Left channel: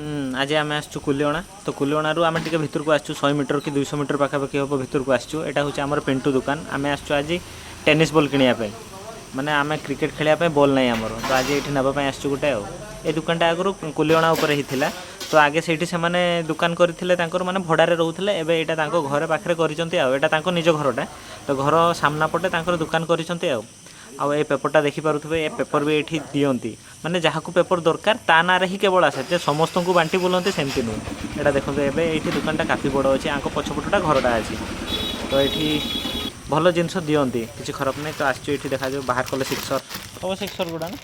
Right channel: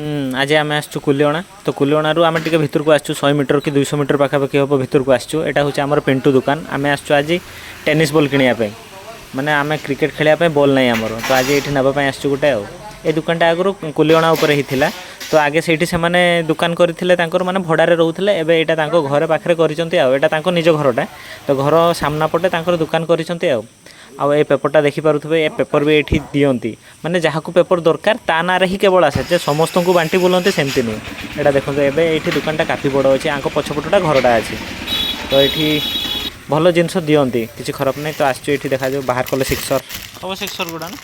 आज आम आसु कुलियणा तो कुलियणु आम टे भितर को आसु 100 मीटर कि 200 मीटर पाखापाखि हम भितर को आसु यहाँ हूँ आम पिंटू दुकान आम आसु आज टेनिस बॉल किणापी माने आम क्रिकेट खेलने बॉल ना आमर तो आज ये नापी आसु गोटे ये दुकानटा आगु कुलियणा उपर होता तो आगे से दुकान करते माने भड़ारे रोते एवं यहाँ घर पाखे कर निज घरटा तो घर सामना पटे दुकान कर आउ ए पेपरटा देखिपे ए पेपर भी ये दियंती माने जहाँ को पेपर दरकार ता ना ही केवल आसे समस्त को बांटी बुलाते सेमती नहीं यहाँ देखो ये दुकानटा काफी बड़ अच्छे आंक पछपटा घरटा अच्छे तो ये भल जिनस दियंती किसी खराब नहीं तो आसो ये देखा जाए बाहर कले सिक्सर हम सिक्सर गुड़ा ना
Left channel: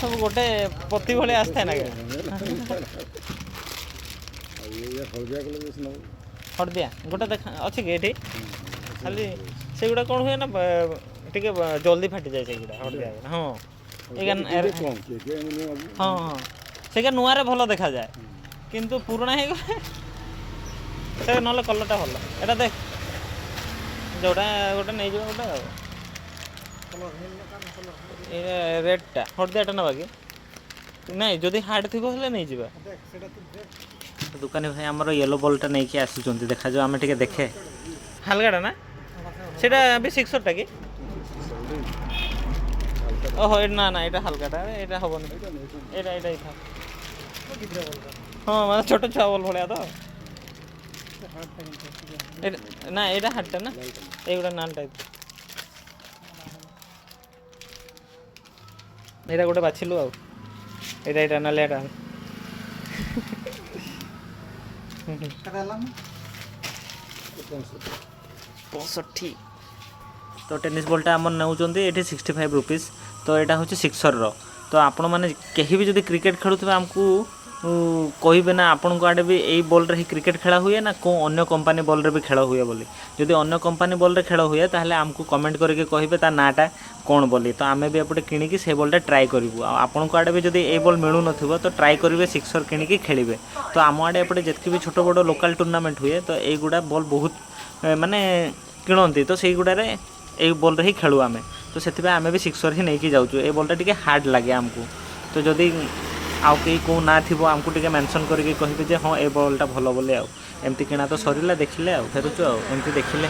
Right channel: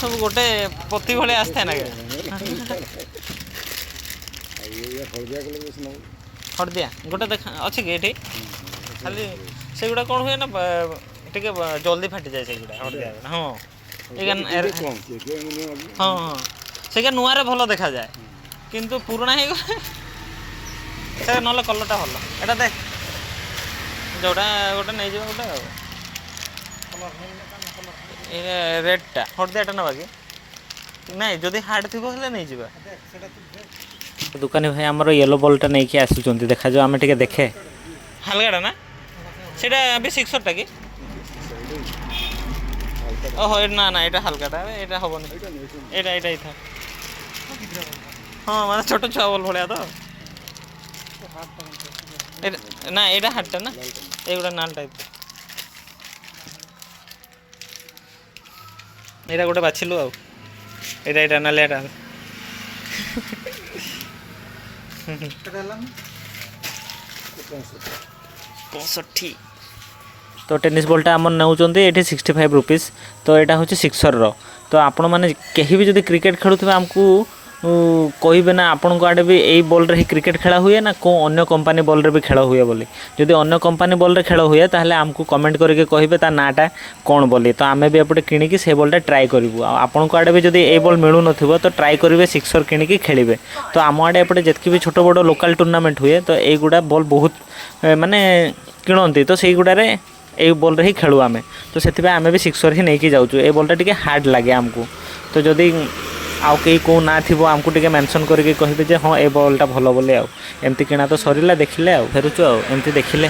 सब गोटे पति भाई आसता है ना हड़दिया गोटे देखा अच्छे कि ये खाली से गुड़ा कौन हुए ना टे जल्दी फाटी जाए से गुड़ा हड़दिया हाँ हाँ हाँ से नुआ भल देखा जाए किंतु पुराना है ना कलरटा भल एटा देख जोटा गोटे नहीं जाओ गोटे रेडटा हड़दियाटा ना बाकी नहीं जदि हार्ड थी नहीं जा दुकानी भाई आमर येलो बॉलटा नहीं कि आसुँच देखा जाओ आम टे देखे हालगाटा ना सेटा भी सिक्सरटा कि ओहो ना ना यहाँ हालकाटा यहाँ हेनी यहाँ था हाँ मतलब छोट छुआ बल भाया तो ना यहाँ हार्डटा ना ये नाल टाइप यहाँ गोटे बाछिलु आईटा नालियाटा 65 तो टेनिस बॉलटा आम नौ 65 रुपीज तो यहाँ हूँ सिक्सर तो आपण मैंने कहीं भी जब क्रिकेट खेलुवे आमको कहे ना आपण को आड़े भी यही बॉल रे ही क्रिकेट खेला हुए ना कौ अन्य कंपनी बॉल रे भी खेल हुए बोली जदि अन्य कंपनी बॉल रे खेल हुए ताहले आमको कमेंट करके कहे ता नाटा कौन बोली तो आम भी एपटे किଣିकी से बॉलटा ट्राए करूँ आपण को आड़े भी जब ये बॉल मिलू नथिबो तो ट्राए करेंगे सिक्सर किଣିकी खेलिए तो आम आड़े एपटे जितकी भी छोट बड़ लोकल टूर्नामेंट हुए तो यहीगुड़ा बॉल बहुत माने किणती तो से गुड़ारे ये बॉल रे ही खेलू आम तो से आम भी सिक्सर ही नहीं जाऊँ ये बॉलटा टी हार्ड लगे आमको तो जदि आउ कहीं कौ ना थी आमको टे मेंशन करके कहे हाँ ये बॉलटा भल बोले आमती किणा तो सरला देखिले फेरुचु एमती देखिले।